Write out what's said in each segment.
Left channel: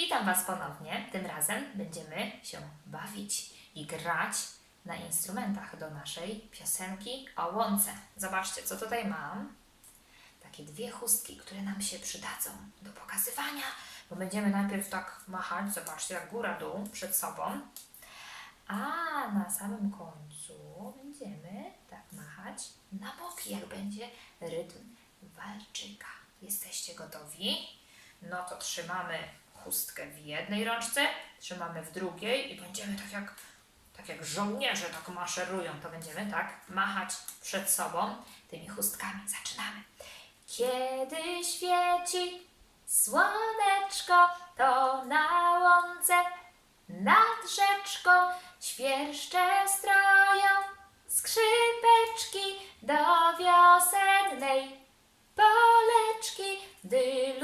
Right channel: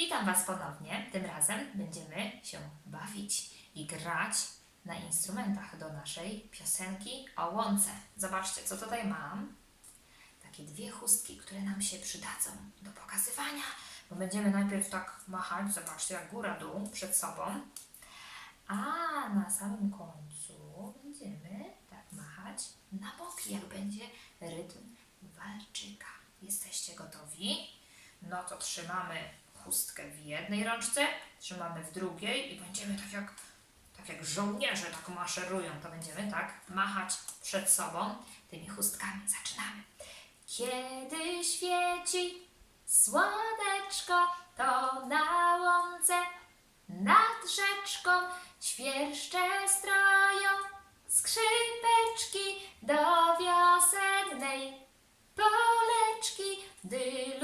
Witam Was ponownie. Tym razem będziemy się bawić i grać na instrumentach do naszej piosenki o łące. Zobaczcie, co tutaj mam. Takie dwie chustki, które nam się przydadzą do pokazywania, bo będziemy najpierw tak machać, zobaczcie, jak góra-dół przed sobą, a na samym końcu będziemy tak machać na boki, jak będzie rytm walczyka. Jesteście gotowi? No to trzymamy chustkę w jednej rączce, trzymamy w drugiej i będziemy tak jak, tak jak żołnierze tak maszerują, to będziemy tak machać przed sobą tymi chustkami. Zaczynamy. Kiedy świeci słoneczko, to na łące nad rzeczką świerszcze stroją skrzypeczki do wiosennej poleczki. Dylu,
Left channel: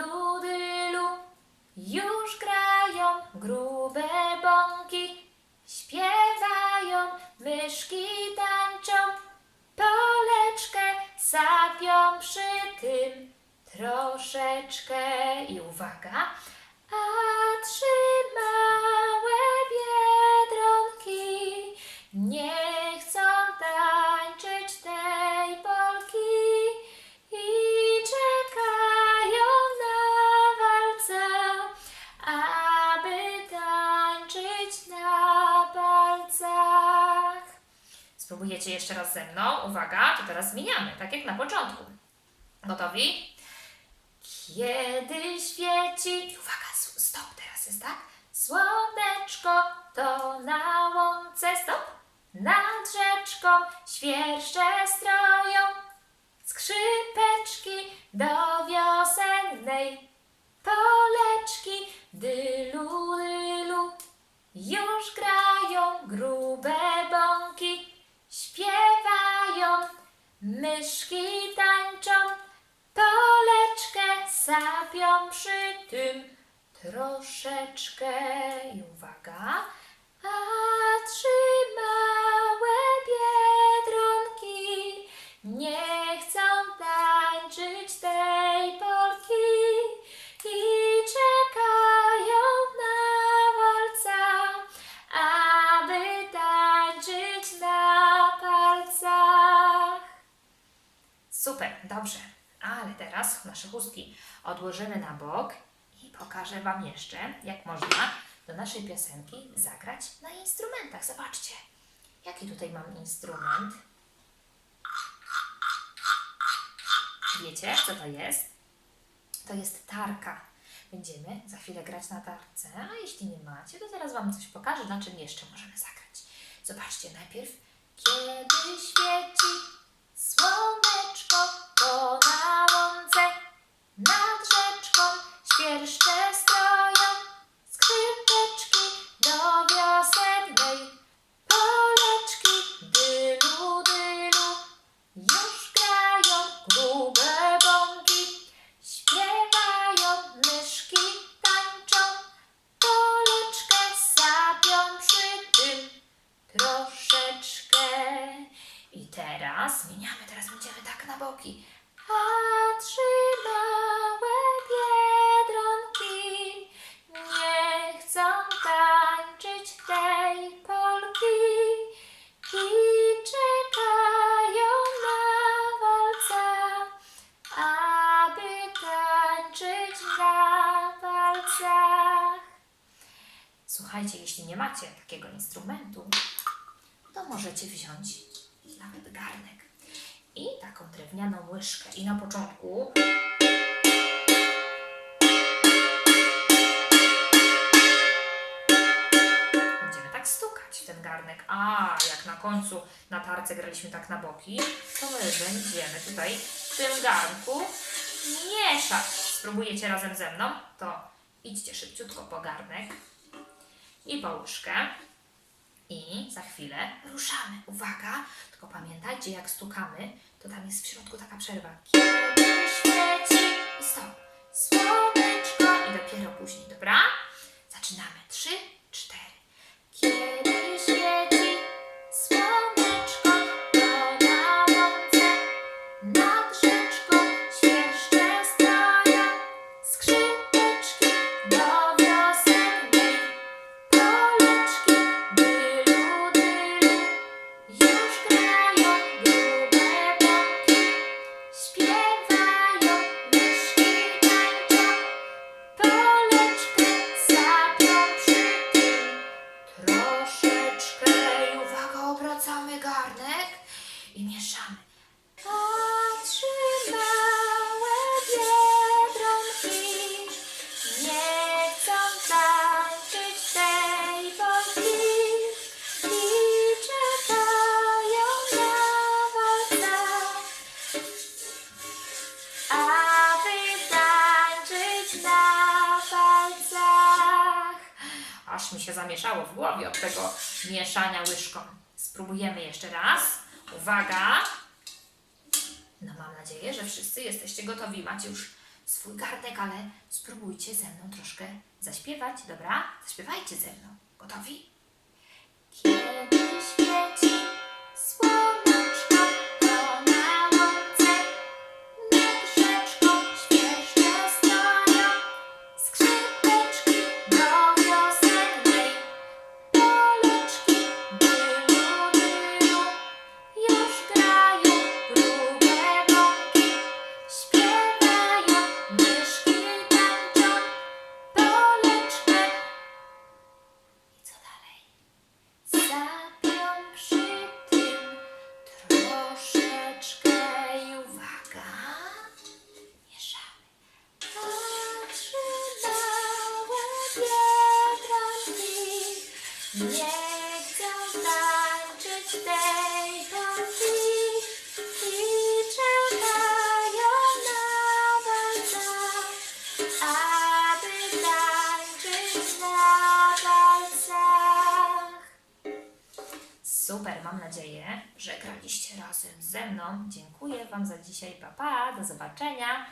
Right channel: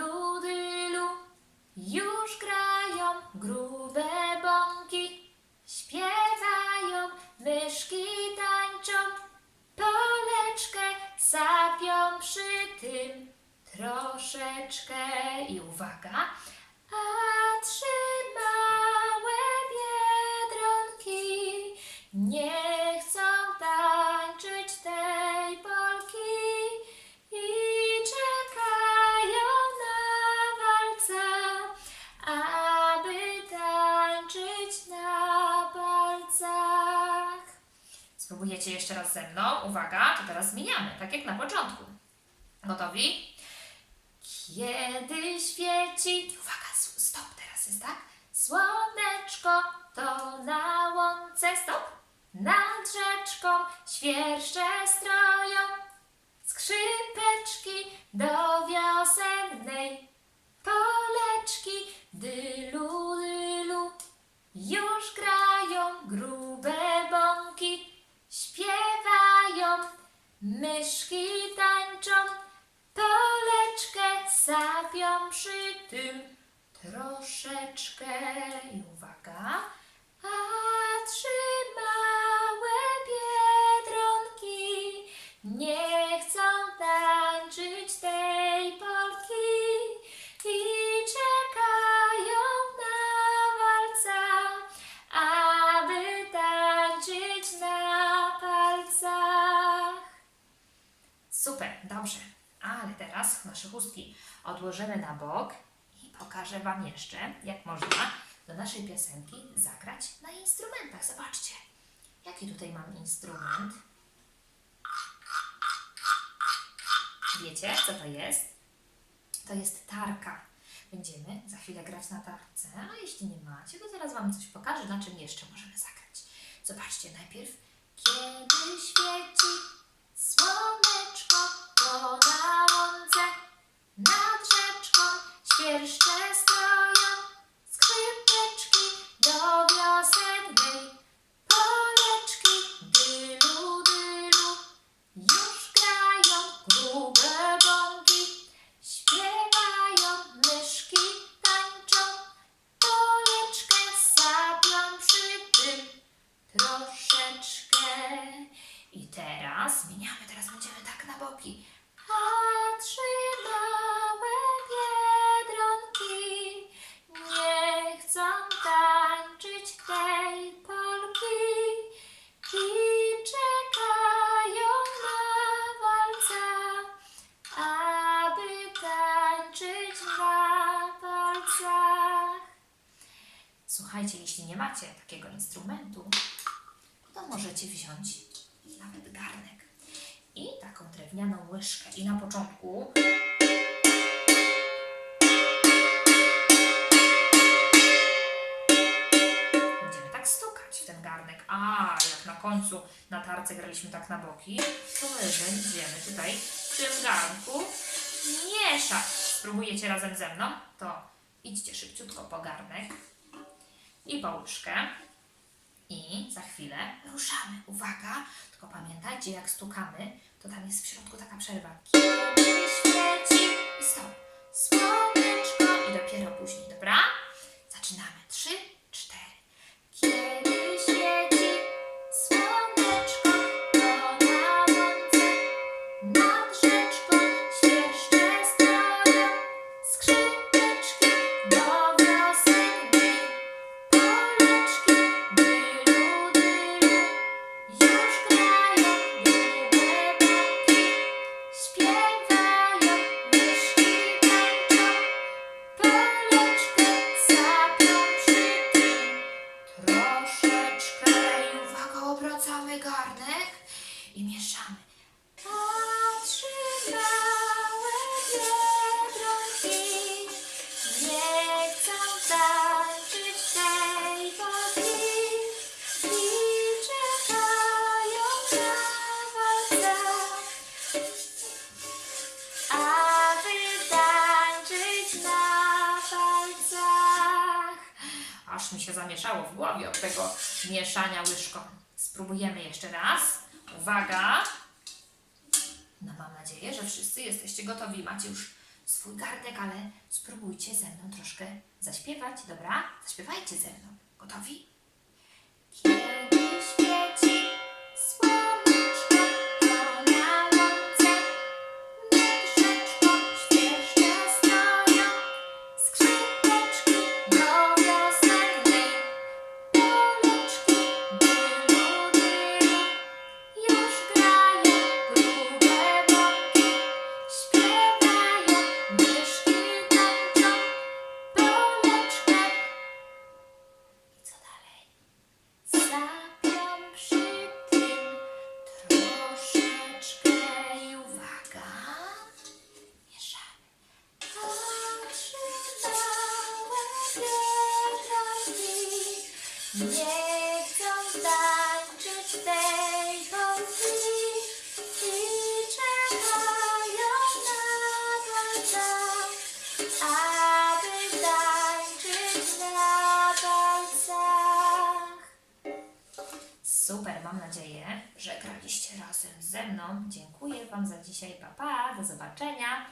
myszki tańczą, poleczkę sapią przy tym troszeczkę. I uwaga, a trzy małe biedronki nie chcą Spróbujecie jeszcze raz ze mną. Uwaga, to teraz zmieniamy, tak jak na początku. Gotowi? Kiedy świeci. Uwaga, stop teraz jest, tak? Słoneczko to na łące, stop. Nad rzeczką świerszcze myszki tańczą, poleczkę sapią przy tym troszeczkę. I uwaga, dobrze. Ale teraz nasze chustki odłożymy na bok i pokażę Wam jeszcze, jak można do naszej piosenki zagrać na instrumentach. Zobaczcie, jaki tutaj mam instrument. Wiecie, co to jest? To jest tarka. Będziemy za chwilę grać na tarce, a jeśli nie macie, to zaraz Wam coś pokażę, na czym jeszcze możemy zagrać. Zobaczcie najpierw, kiedy świeci słoneczko, na łące nad rzeczką świerszcze stroją skrzypeczki do wiosennej poleczki. Dylu, dylu, już grają grube bąki, śpiewają, myszki tańczą, poleczkę sapią przy tym troszeczkę. I teraz zmieniamy, teraz będziemy tak na boki. Trzy małe biedronki nie chcą tańczyć tej polki i czekają na walca, aby tańczyć na palcach. Słuchajcie, jeśli nie macie takiego instrumentu, to możecie wziąć nawet garnek i taką drewnianą łyżkę. I na początku będziemy tak stukać w ten garnek. A jak na końcu na tarce graliśmy tak na boki, to my będziemy tutaj w tym garnku mieszać. Spróbujecie razem ze mną? To idźcie szybciutko po garnek i po łyżkę. I za chwilę ruszamy. Uwaga, tylko pamiętajcie, jak stukamy, to tam jest w środku taka przerwa. Kiedy świeci i stop. Słoneczko i dopiero później, dobra? Zaczynamy. Trzy, cztery. Kiedy zamieszało w głowie od tego mieszania łyżką. Spróbujemy jeszcze raz. Uwaga! No mam nadzieję, że wszyscy jesteście gotowi. Macie już swój garnek, ale spróbujcie ze mną troszkę zaśpiewać, dobra? Zaśpiewajcie ze mną. Gotowi? Kiedy świeci nie chcą tańczyć tej polki i czekają na walcach, aby tańczyć na palcach. Super, mam nadzieję, że graliście razem ze mną. Dziękuję Wam za dzisiaj. Pa, pa, do zobaczenia.